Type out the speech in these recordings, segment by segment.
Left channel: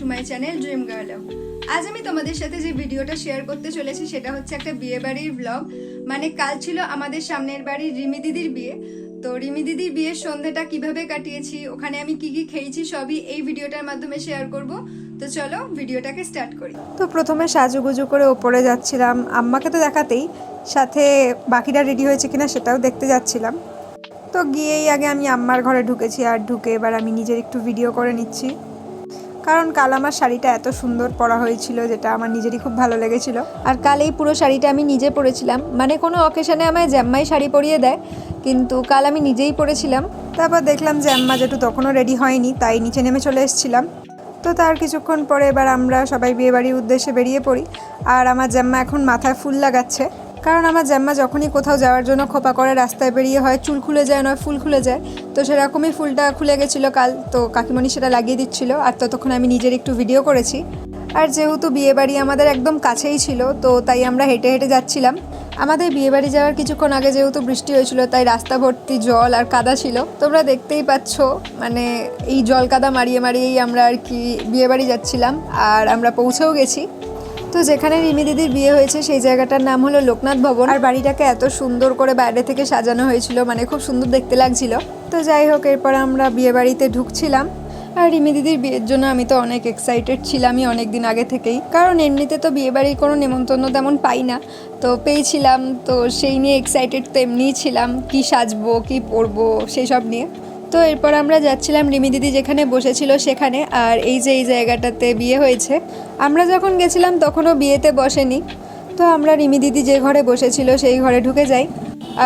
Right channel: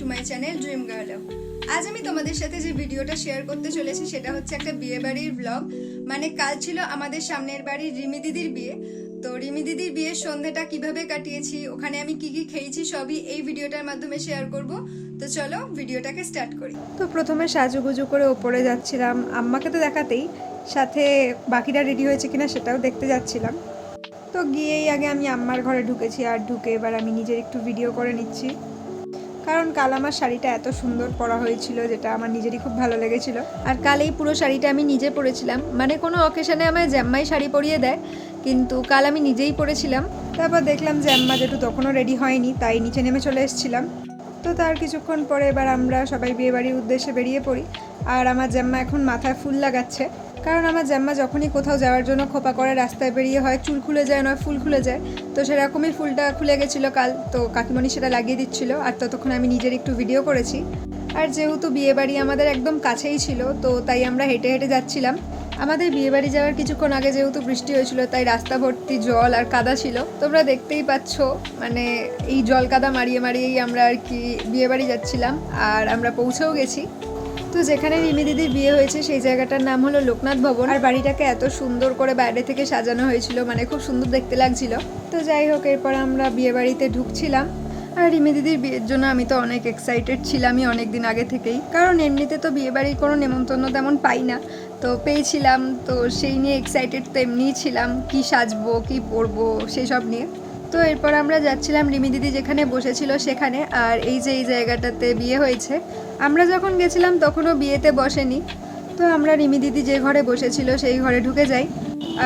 To my channel dream girl. আজ আমি তোমাদের সাথে যে ভিডিওটা শেয়ার করতে চলেছি সেটা হচ্ছে একটা বিয়ে বাড়ির ব্লগ। মানে কাল ছিল আমাদের সামনের বাড়ির রিমি দিদির বিয়ে। তো রিমি দিদির বিয়ের সন্ধ্যাটা কিভাবে কাটিয়েছি, ওখানে আমি কি কি খেয়েছি, সবই এই ভিডিওটার মাধ্যমে শেয়ার করব। তো চলো ভিডিওটাকে স্টার্ট করি। তো প্রথমে সাজুগুজু করে ওপরে যাচ্ছিলাম, আম্মাকে তো দেখাতেই, সাথে বাকিরা রেডি হয়েছে কিনা সেটাও দেখতে যাচ্ছিলাম। তো গিয়েই আগে আমি আম্মার ঘরে ঢুকেছি, আর ঢুকে এবার আমি নিজের একটু ভিডিও করে নিচ্ছি, কারণ কাল আমার শাড়িটা এত সুন্দর পরা হয়েছিল যেটা আমার নিজেরই খুব ভালো লেগেছিল। আর কাল এই পুরো শাড়িটা আমি নিজে পরেছিলাম, মানে কোনো অকেশনে আমায় জ্যাম্মাই শাড়ি পরিয়ে দেয়, কিন্তু কাল আমি নিজেই পরেছিলাম। তারপর দেখলাম যে আম্মা যেটু তখনও রেডি হয়নি, তাই নিচে নেমে চলে এসেছিলাম। তো তার কিছুক্ষণ পরে এবার আমরা সবাই বিয়েবাড়ির উদ্দেশ্যে বেরিয়ে পড়ি। আর আমার জ্যাম্মা এখন মাথায় ফুল লাগাচ্ছে, কারণ আমার জ্যাম্মা যখনই কোথাও যাওয়ার জন্য খোপা করে রাস্তায় বেরিয়ে হয় চুল খুলে যায় নয় ফুল খুলে যায়, তো সেরকমই ফুলটা খুলে গেছিলো কাল। তো কাকিমণি সেটা লাগিয়ে দিচ্ছিল, আর ততক্ষণ আমি নিজের একটু ভিডিও করেছি। আর যেহেতু বিয়েবাড়ি আমাদের একদম কাছেই ছিল, তো তাই আমরা হেঁটে হেঁটে যাচ্ছিলাম। আমাদের বিয়েবাড়ি যাওয়ার কিছুক্ষণ আগে যেহেতু বৃষ্টি হয়েছিল, তাই রাস্তা ভর্তি জল আর কাদা ছিল। তোমরা দেখতেই পাচ্ছ, মানে এই জল কাদা মারিয়ে মারিয়েই আমরা আর কি বিয়েবাড়ি যাচ্ছিলাম। আর আমরা পৌঁছেও গেছি। তো যেখানে রিমি দিদির বিয়ে হয়েছে সেই জায়গাটার নাম হলো লোকনাথ ভবন। আর বাড়িটাকে এত সুন্দর করে বাইরে থেকে সাজানো হয়েছিল, মানে খুব সুন্দর দেখতে লাগছিল। তো যাই হোক, এরপর আমরা বিয়ে বাড়িতে ঢুকছিলাম। আর রিমি দিদির বিয়ের জন্য আমি তো অনেক এক্সাইটেড ছিলামই অনেক দিন আগে থেকেই, কারণ এমনিতে তো বিয়েবাড়ির কোনো নেমন্তন্ন তেমন পাই না, তো পেয়েছিলাম। তো সেই নিয়ে এক্সাইটেড তো এমনিই ছিলাম, কি সাজবো কি পরবো সেই সব নিয়ে। তো এরপর আমরা যাচ্ছিলাম রিমি দিদি যেখানে বসেছিল সেখানে। আর এই যে এই জায়গাটাতে বিয়ে হয়েছে, আমরা যখন গেছিলাম তখনও বিয়েতে বসেনি। তো আমরা রিমি দিদি যে ঘরে বসেছিল সেই ঘরে ঢুকে যাই।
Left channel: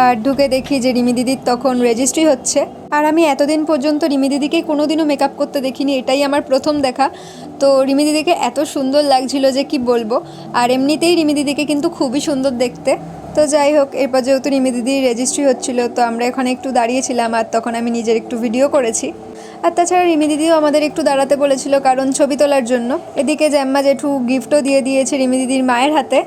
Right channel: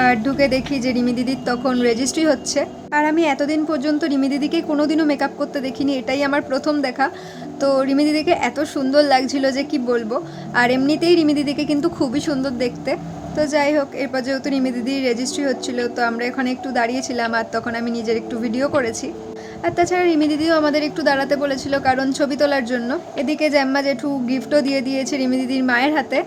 আর ঢুকে দেখি যে রিমি দিদির তখন রেজিস্ট্রি হচ্ছে। আর আমি এতদিন পর্যন্ত রিমি দিদিকে কোনোদিনও মেকআপ করতে দেখিনি, এটাই আমার প্রথম দেখা। তো রিমি দিদিকে এত সুন্দর লাগছিল যে কি বলবো। আর এমনিতেই রিমি দিদিকে কিন্তু খুবই সুন্দর দেখতে। তো যাই হোক, এরপর যেহেতু রিমি দিদির রেজিস্ট্রি হচ্ছিল, তো আমরা এখানে একটু দাঁড়িয়েছিলাম, আর তখন আমি নিজের একটু ভিডিও করেছি। আর তাছাড়া রিমি দিদিও আমাদের একটু দাঁড়াতে বলেছিল, কারণ ছবি তোলার জন্য। এদিকে জ্যাম্মা জেঠু গিফটও দিয়ে দিয়েছে রিমি দিদির মায়ের হাতে।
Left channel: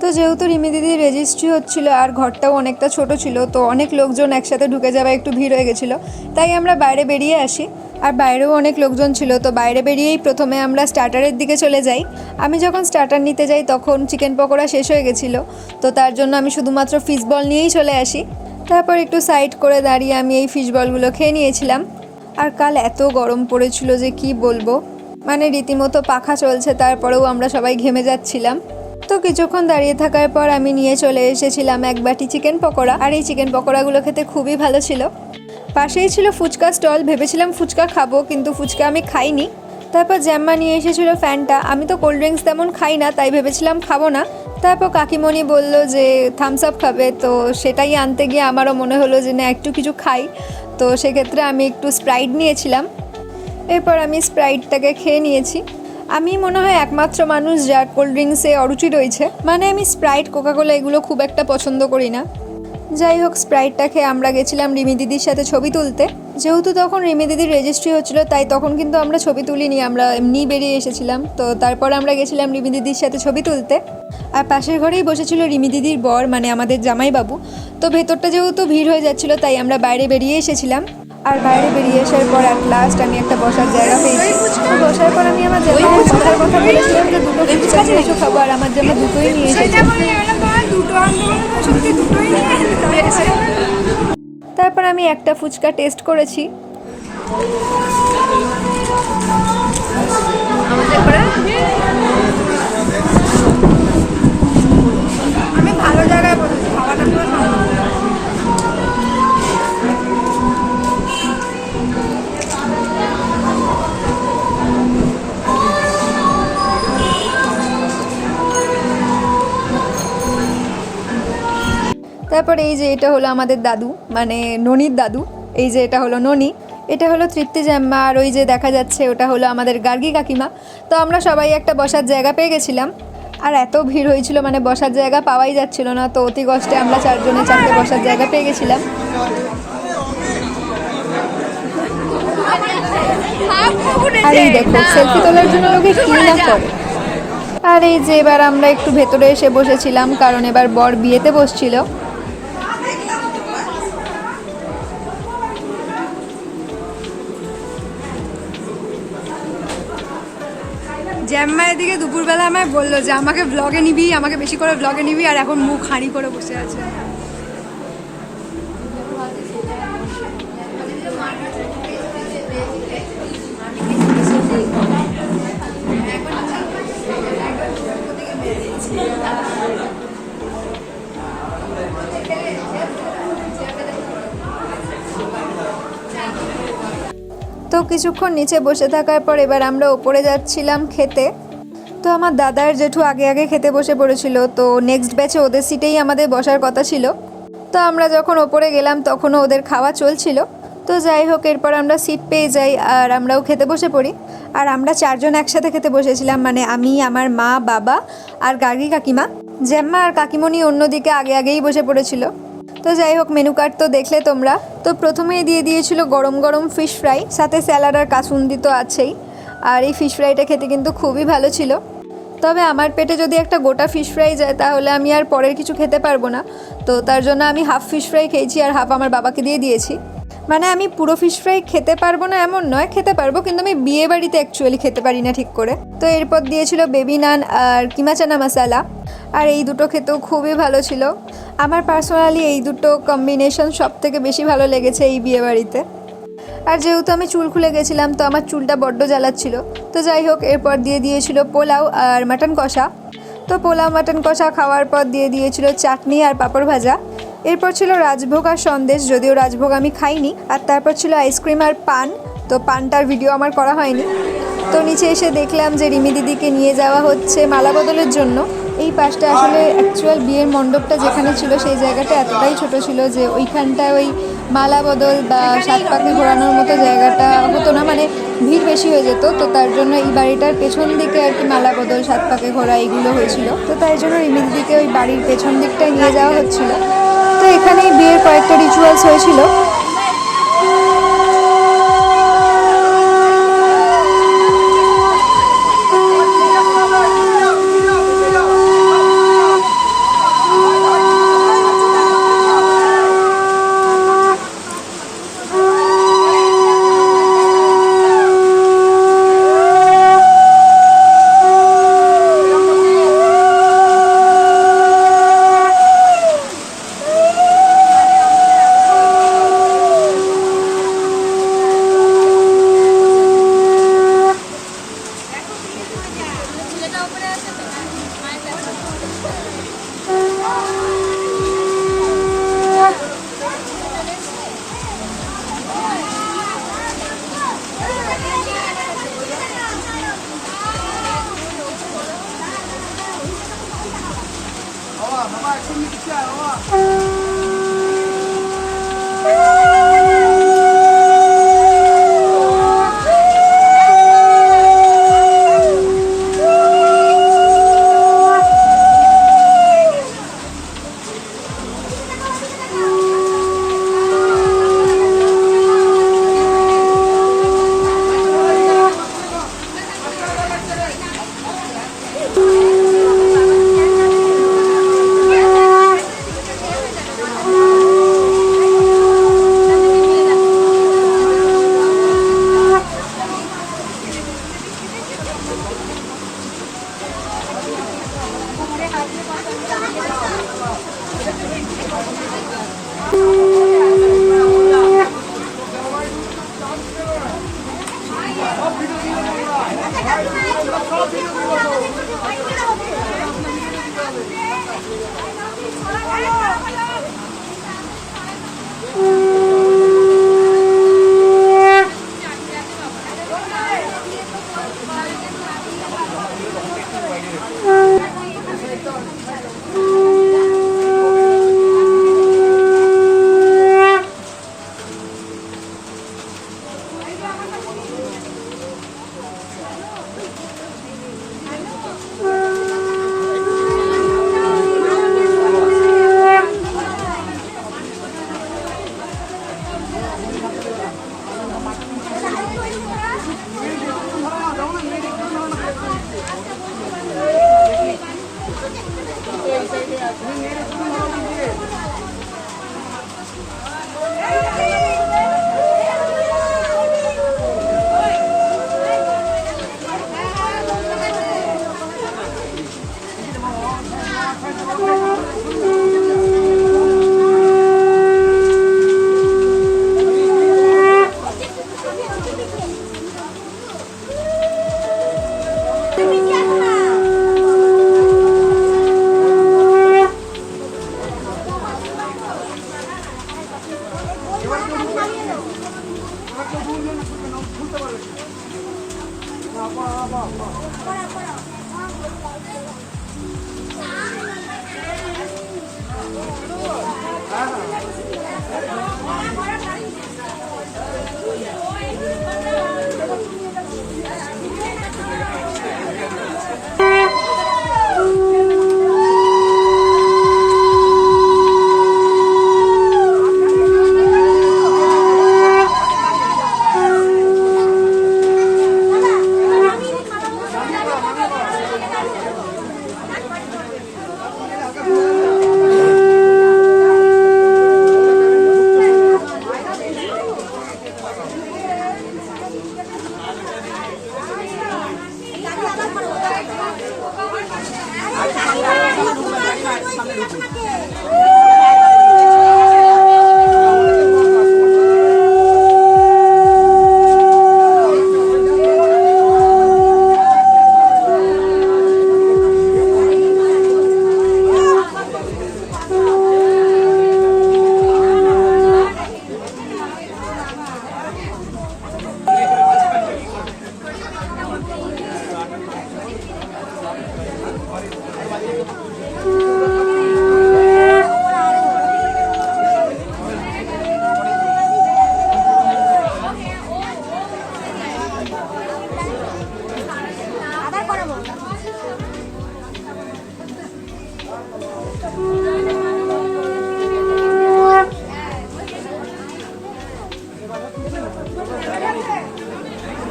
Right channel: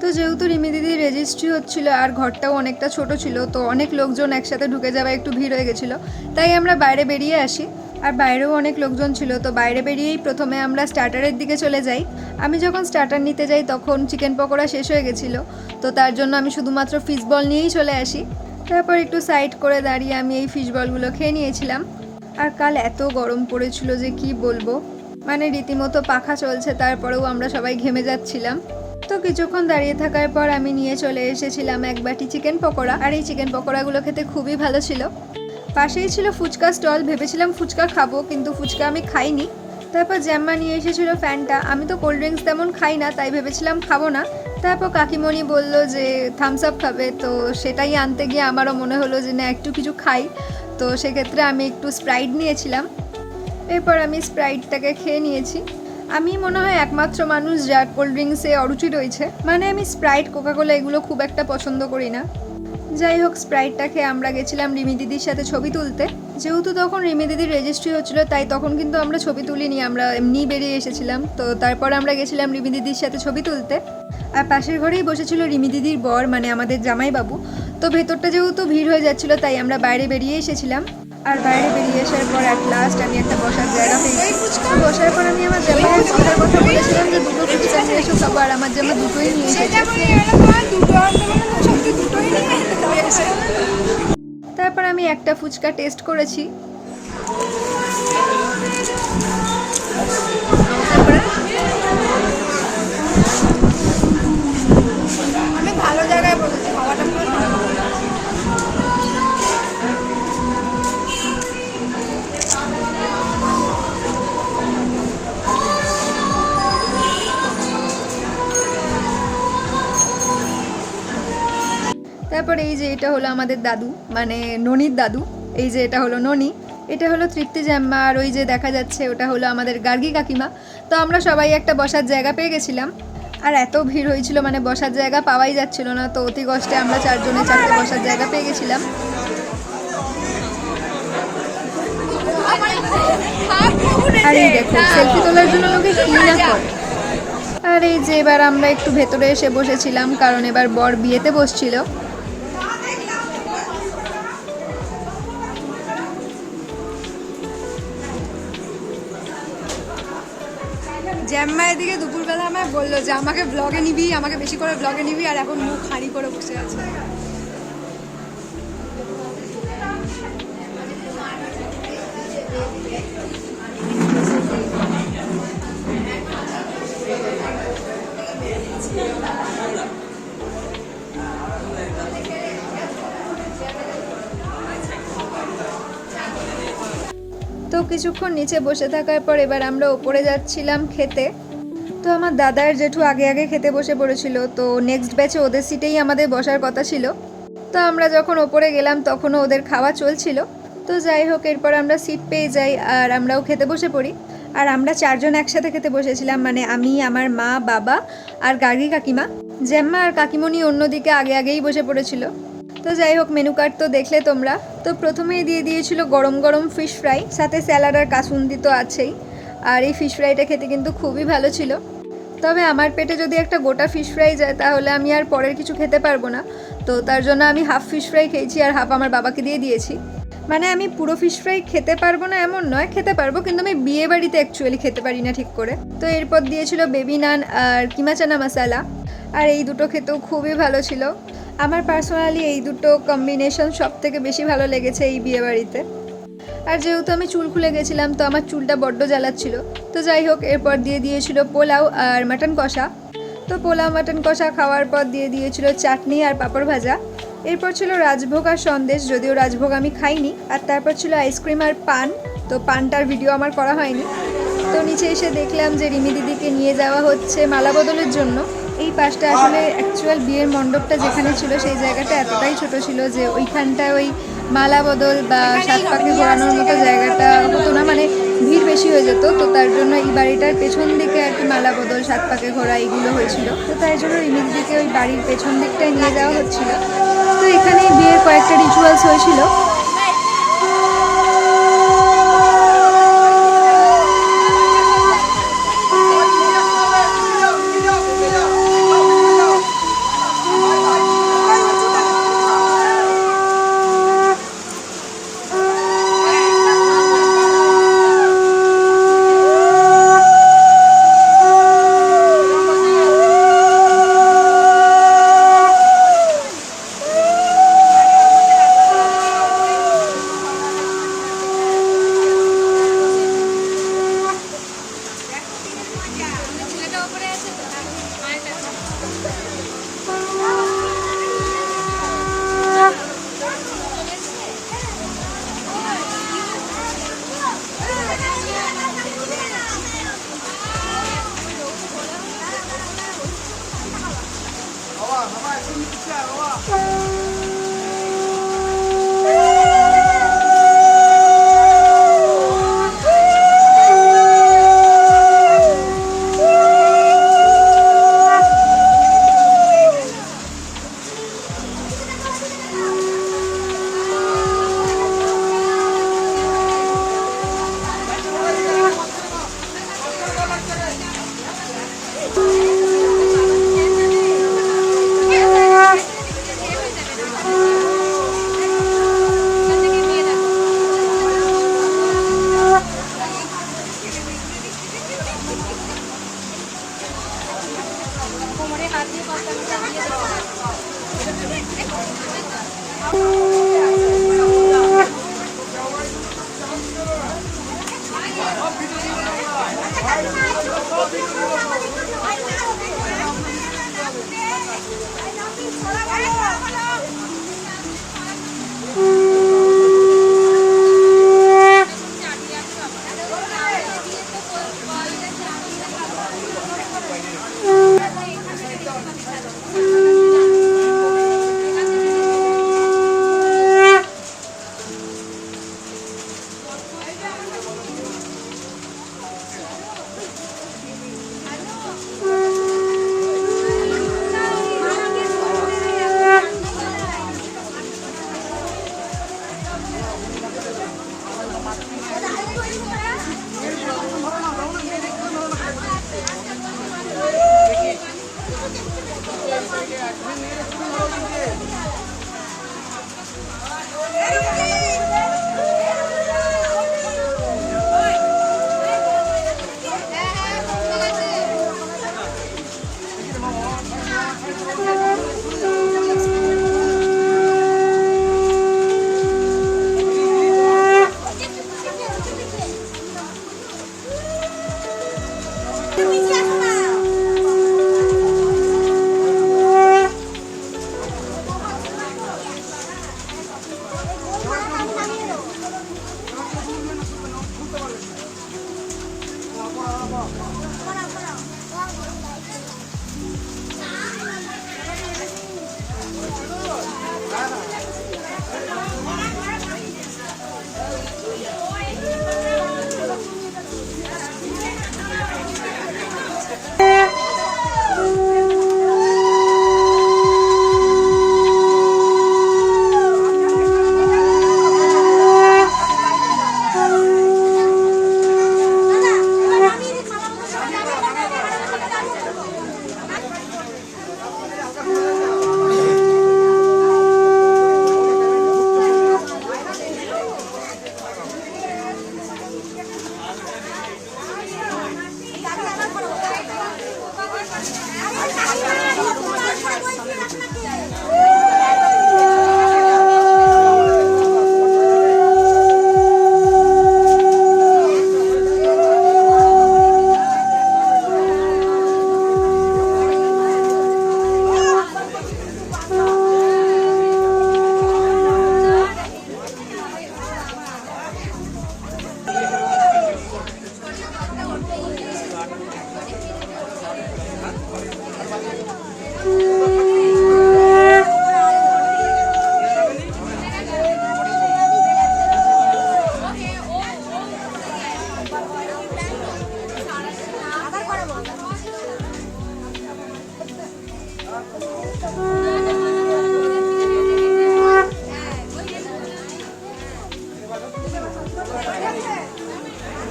তো যেহেতু রিমি দিদির রেজিস্ট্রি হচ্ছিল আর ঘরটাও অনেকটা ছোট ছিল, তো অনেক লোকজন একসাথে ঢুকে যাওয়া একটু ভিড় হয়ে গেছিলো, তাই আমরা বাইরে বেরিয়ে আসি। আর বাইরেও অনেক লোকজন ছিল, তো বাইরে বেরিয়েই প্রথমে আমরা স্টার্টারের দিকে চলে যাই। আমি যখন স্টার্টার নিতে যাই তখন চিকেন পকোড়া শেষ হয়ে গেছিলো, তো তার জন্য আমি শুধুমাত্র ফিশ বল নিয়েই চলে আসি। তারপর একটু সাইড করে দাঁড়িয়ে আমি এই ফিশ বলগুলো খেয়ে নিয়েছিলাম। আর কাল এত গরম পড়েছিল যে কি বলবো, মানে রীতিমতো পাখা চলছে, তারপরেও আমরা সবাই ঘেমে যাচ্ছিলাম। তো কিছুক্ষণ দাঁড়িয়ে থাকার পর আমি নিয়ে চলে এসেছিলাম এক বাটি চিকেন পকোড়া। আর এই চিকেন পকোড়াগুলো খেতে খুবই ভালো ছিল। পাশেই ছিল ফুচকা স্টল, ভেবেছিলাম ফুচকা খাবো, কিন্তু ফুচকা আমি খাইনি। তারপর জ্যাম্মা নিয়ে এসেছিলো ফ্যানটা, আমি তো কোল্ড ড্রিঙ্কস তেমন খাই না, তাই ভেবেছিলাম খাবো না। তারপর কাকিমণি বলল যে থামস আপ খাবে, তো সেটাই আনতে গিয়ে আমারও মনে হলো যে না একটু কিছু খাই। তো সেক্ষেত্রে আমি একটু স্প্রাইট নিয়েছিলাম। এরপর আমি স্প্রাইটটাকে খেয়ে নিয়েছি। আমি মনে হয় একমাত্র মানুষ যার কোল্ড ড্রিঙ্কসে অরুচি রয়েছে, মানে আমি স্প্রাইট কোকাকোলা এগুলো খুব একটা পছন্দ করি না। যাই হোক, স্প্রাইটটা খেয়ে আমরা গেছিলাম রিমি দিদির সাথে ছবি তুলতে। যেহেতু তখন রিমি দিদির রেজিস্ট্রি হচ্ছিলো, তাই তখন কিন্তু আমরা ছবি তুলিনি, আমরা এমনিই বেরিয়ে এসেছিলাম। তো তারপর আমরা গেছিলাম রিমি দিদির সাথে ছবি তুলতে। আর পাশের ঘরেই বসেছিল রিমি দিদির বর, মানে আমাদের জামাইবাবু। তো ভেতরটা যেহেতু ভিড় হয়ে যাচ্ছিলো, তাই আমরা বাইরে বেরিয়ে এসেছিলাম। আর বাইরে বেরিয়ে আসার পর অ্যাট লাস্ট আমি একটা বসার জায়গা পেয়েছি। বসার পর আমি আমার জামাইয়ের বসার কথা বলেছিলাম যে দুটো ফুচকা নিয়ে এসো খাবো, আর আমার জামা দুটোই নিয়ে এসেছে। তারপর আমি একটা ফুচকা টেস্ট করেছি। আমি ভালো জায়গায় বলেছি, খাওয়াটা পুরো তারপর এই যে এটা হলো আমাদের দাদু, মানে ননির দাদু। এই যে এটা হলো ননি, এটা হলো তৃপ্তি জ্যাম্মা, আর ওই যে দেখা যাচ্ছে ওটা হলো আমাদের গার্গী কাকিমা। তো আমরা সবাই একটা বসার জায়গা পেয়ে গেছিলাম। আর এত ভিড় হয়েছিল, মানে বসার জায়গা পাওয়াই যাচ্ছিল না, তো অতি কষ্টে আমরা চারজনে চারটে বসার জায়গা পেয়ে গেছিলাম। আর এই দেখো সেলফি তোলার জন্য লোকে কি না করে। আর এই যে এবার আমরা একটু ভেতরে এসে বসেছিলাম, কারণ এবার বর বিয়েতে বসছিল। জ্যাম্মা এদিকে দুপুরবেলা আমায় বললো যে আমাকে ব্লগে নিবি, আমাকে বেশি করে ব্লগে নিবি, আর এখন মুখ হাঁড়ি করে বসে আছে। তো কিছুক্ষণ নিচে বসে থাকার পর এবার আমরা ওপরে যাচ্ছিলাম খেতে। তো আমার দাদার জেঠু আগে আগে খেতে বসে পড়েছিল, তো নেক্সট ব্যাচে ওদের সিটেই আমাদের বসার কথা ছিল। তো আমরা যখন ওপরে গেলাম তখনও ওদের খাওয়া চলছিল। তো যাই হোক, এরপর আমরা সিট পেয়ে যাই আর আমরাও খেতে বসে পড়ি। আর আমরা 4 জন একসাথে খেতে বসেছিলাম, মানে আমি, আমার মা, বাবা আর গার্গী কাকিমা। জ্যাম্মা আর কাকিমণি অন্যদিকে আগে আগেই বসে পড়েছিল। তো যাই হোক, মেনু কার্ড তো দেখলে তোমরা। তো প্রথমেই দিয়ে দিয়েছিল গরম গরম ফিশ ফ্রাই, সাথে স্যালাড আর কাসুন্দি তো আছেই। আর এই ফিশ ফ্রাইটা খেতে কিন্তু খুবই ভালো ছিল। তবে আমার পেটে যদি একটা গোটা ফিশ ফ্রাই যায় তাহলে আমি আর পরের কিছু খেতে পারবো না। তো তার জন্য আমি হাফ ফিশ ফ্রাই খেয়েছি আর হাফ আমার বাবাকে দিয়ে দিয়েছি। মানে আমি পুরো ফিশ ফ্রাই খেতে পারবো না এমন নয়, খেতে পারবো, কিন্তু আমি বিয়ে বাড়িতে অ্যাকচুয়ালি খেতে পারি না ঠিক করে। তো এরপর দিয়েছিল বেবি নান আর কিমা চানা মশালা, আর এই দুটো খেতেও খুবই ভালো ছিল। আমার পার্সোনালি এই দুটো কম্বিনেশন সব থেকে বেশি ভালো লেগেছে এই বিয়ে বাড়িতে। আর যেহেতু আমি চুল খুলে গেছিলাম তো আমার চুলটা বড্ড জ্বালাচ্ছিল। তো যাই হোক, এরপর দিয়ে দিয়েছিল পোলাও আর মাটন কষা। তো পোলাও মাটন কষা খাওয়ার পর দিয়ে দিয়েছিল চাটনি আর পাঁপড় ভাজা। এরপর ছিল রাজভোগ আর সন্দেশ, যদিও রাজভোগ আমি খাইনি। আর তারপর ছিল আইসক্রিম আর পান, তো পানটার ভিডিও আমার করা হয়নি। তো নিচে এসে দেখলাম যে রিমি দিদিকে নিয়ে যাওয়া হচ্ছে মালা বদলের জন্য। এই পাশটা আসলে অ্যাকচুয়াল বিয়ের মণ্ডপটা যেখানে ছিল সেই জায়গাটা এতটাই ছোট ছিল যে ওইখানটায় ওই মালা বদল বা 7 পাকে ঘোরানোর মতো জায়গাটা হতো না, মানে ভিড় বেশি হয়ে যেত। তো তার জন্য এই বাড়িটার পেছন দিকে আর কি মালা বদল, 7 পাকে ঘোরা এগুলো হয়েছিল। তো তাই জন্য রিমি দিদিকে ওই বাড়ির পেছন দিকটায় নিয়ে যাওয়া হচ্ছিল। তো এখানেই বিয়ের কয়েকটা রিচুয়ালস হয়েছিল।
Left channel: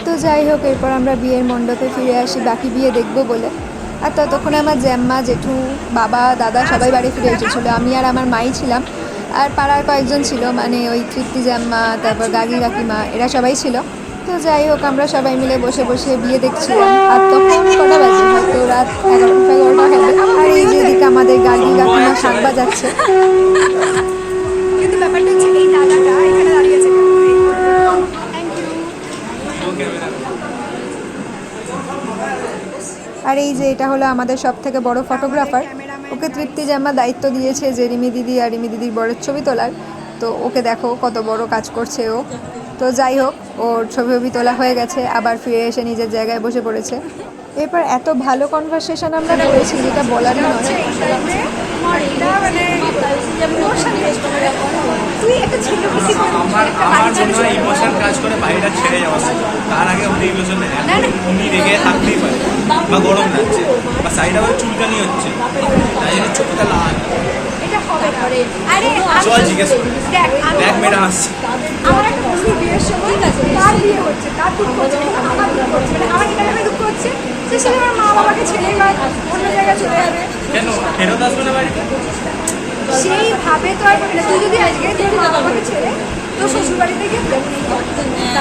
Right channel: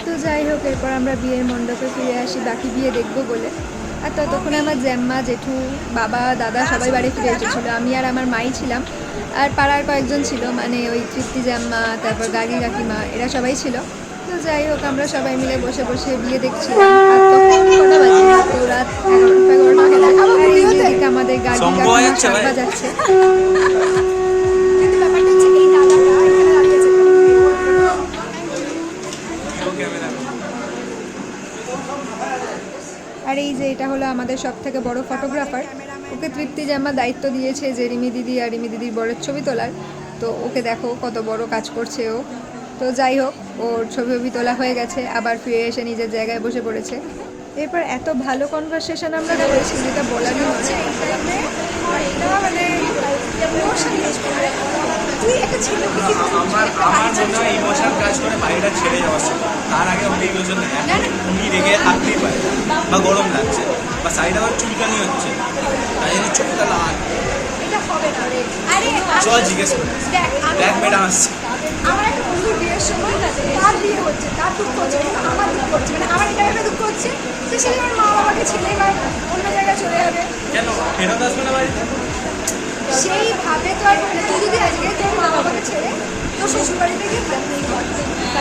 তো যাই হোক, এরপর আমরা বিয়ের মণ্ডপে ফিরে আসি বাকি বিয়ে দেখবো বলে। আর ততক্ষণে আমার জ্যাম্মা, জেঠু, বাবা, দাদা সবাই বাড়ি ফিরে এসেছিলো। আমি আর আমার মাই ছিলাম, আর পাড়ার কয়েকজন ছিল, মানে ওই তৃপ্তি জ্যাম্মা, তারপর গাগি কাকিমা, এরা সবাই ছিল। তো যাই হোক, আমরা সবাই মিলে বসে বসে বিয়ে দেখছিলাম। আর তখন কটা বাজে, হয়তো রাত 11টা হবে। আর এই যে এদিকে আমাদের গাগি কাকিমা শাক বাজাচ্ছে। কিন্তু ব্যাপারটা হচ্ছে এই দাদাটা এখানে দাঁড়িয়েছে কেন? আর এই যে এটা হলো আমাদের সব থেকে বড় ফটোগ্রাফার। ওকে তৃপ্তি জাম্মা দায়িত্ব দিয়েছে যে রিমি দিদি আর রিমি দিদির বরের ছবি তোলার। তো ওকে দেখো কত বড় কাজ করছে ও। তো যাই হোক, ওর ছবি তোলা হয়ে গেছে, আবার ফিরে এসে নিজের জায়গায় বসে পড়েছে। এরপর এত ভালো কনভারসেশন আমরা করেছি যেটা বলারই নয়। এই টাইমে একটা মানে ইমোশন কাজ করে। তুই একটা ছেলে বেশি আমার মনে হয় ইমোশন কাজ করে বাড়িটা ছেড়ে যাওয়ার সময়। তার আগে অনেক ইমোশন উনি দেখে হাঁটতেই পারে, বা গরম লাগছে, বা সাইডে আবার চুলকানি হচ্ছে, তাই জন্য চোখটা লাল। এটা হবে না রে। আরে চল জিজ্ঞেস করি। দেখ, আমি দেখ ম্যাডাম আসছে। আমার একটা বন্ধুর বিয়ের সময় তার বিয়ে হচ্ছে, তার দুঃখ হচ্ছে, কিন্তু আমার দুঃখ হচ্ছে, মানে আমার এটা ভেবে দুঃখ হচ্ছে যে সে আমার মা বাবাকে ছেড়ে বা অন্য জায়গায় চলে যাবে। কেন ফেরত আসবে না বাড়িতে? সেইভাবে তো আর মানে তুই যদি আজকে তোর মা বাবাকে ছেড়ে তোর শ্বশুর বাড়িতে গিয়ে থাকবি,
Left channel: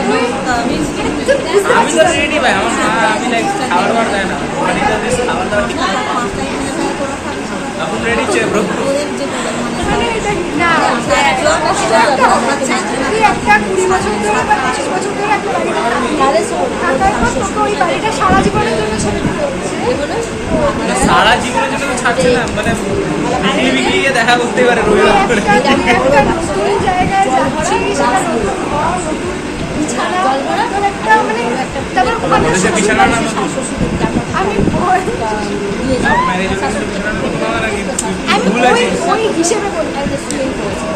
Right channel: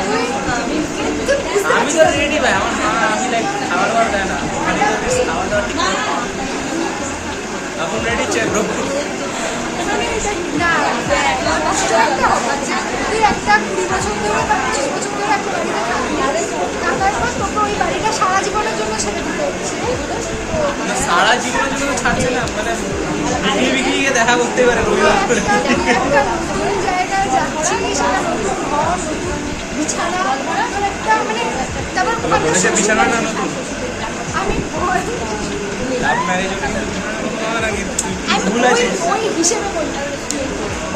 তুই বুঝতে আমি পারছিস তো রেডি ভাই, আমার মা আমি লাইক খাবার দাবার দেয় না, আমি তো বেশ খাবার দাবার এখন রেডি চেয়ে মানে এটা না কষ্ট একটা হবে। তুই একটা 20 বছর ধরে বা 25 বছর ধরে একটা বাড়িতে থাকার পর তোকে ওই বাড়িটা সারা জীবনের জন্য ছেড়ে দিতে হচ্ছে। সারা জীবনের জন্য ছাড়ছে না, মানে বিক্রিকে দেখা করতে পারে তুই একটা নতুন জায়গায় যাচ্ছিস, সেটা নতুন ঘর, নতুন বিছানা, তোর একটা মানে তারপর ওখানকার শ্বশুর বাড়ি। আমি ওই হিসেবে বলি,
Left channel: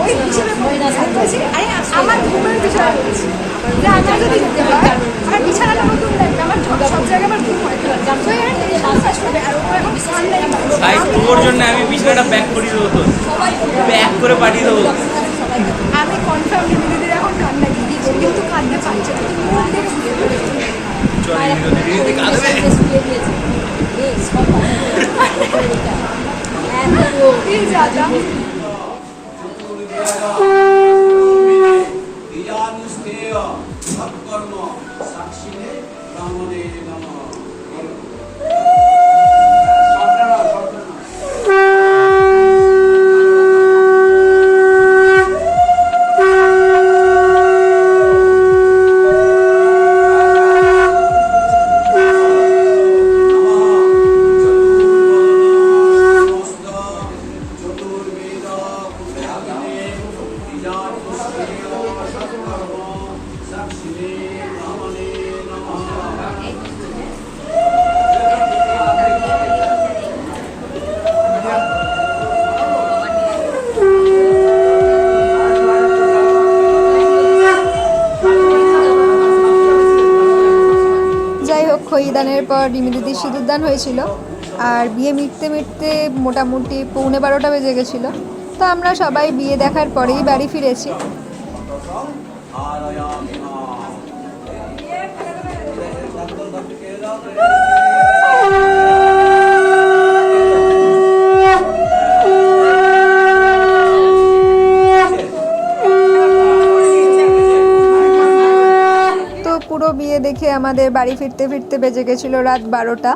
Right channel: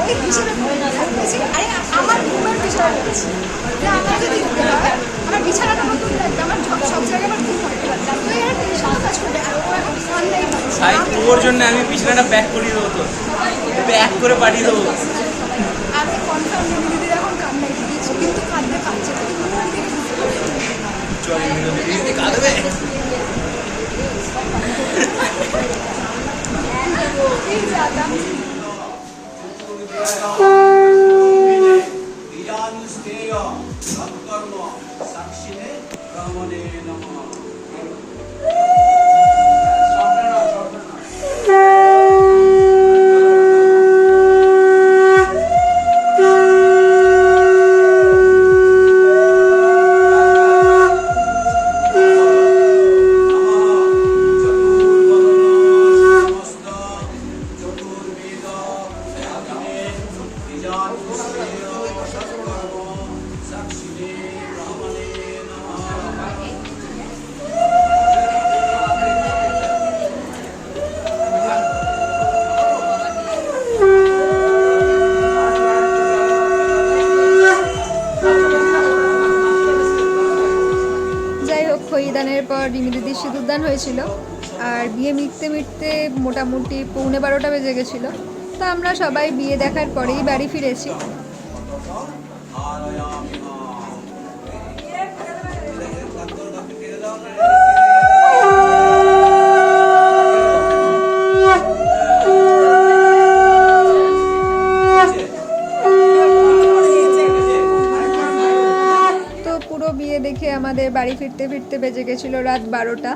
ওই হিসেবে বলি। আমি বলছি আরে আমার ঘুমের বিষয়ে বলছি যে আমার যদি যেতে হয় আমার বিছানাটা নতুন লাগবে, আমার সব জায়গায় আমার ঘুম হয়, তো এর টেনশন তো কাজ করবে। আর ও এখন ঠান্ডাই পাচ্ছে। তোর জন্য আমি বিছানাটা প্যাক করে দেবো, তো প্যাক করে পাঠিয়ে দেবো। আমি কনফার্ম রিমি দিদির এখন কান্নাই দিচ্ছি, কিন্তু কাঁদতে পারছে না। তুই মুখ দেখে বুঝতে পারছিস। প্লিজ দাদা সৎকর্ম সাক্ষিণে ব্রাহ্মণে নমঃ। যাই হোক, খইদানের পর রিমি দিদির সিঁদুরদান হয়েছিল, আর বিয়ে মিটতে মিটতে মোটামুটি 11:15 বেজে গেছিলো। তো আমরা সবাই বিয়ে দেখার পরেই বাড়ি ফিরেছি। তো পুরো বিয়ে দেখে আমাদের বাড়ি ফিরতে ফিরতে বেজে গেছিলো রাত 12টা।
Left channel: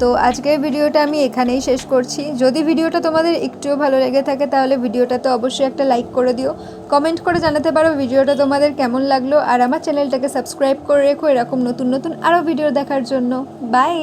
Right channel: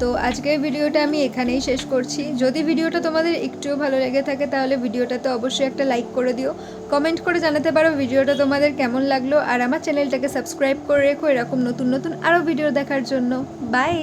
তো আজকের ভিডিওটা আমি এখানেই শেষ করছি। যদি ভিডিওটা তোমাদের একটুও ভালো লেগে থাকে তাহলে ভিডিওটাতে অবশ্যই একটা লাইক করে দিও, কমেন্ট করে জানাতে পারো ভিডিওটা তোমাদের কেমন লাগলো, আর আমার চ্যানেলটাকে সাবস্ক্রাইব করে রেখো এরকম নতুন নতুন আরও ভিডিও দেখার জন্য। বাই।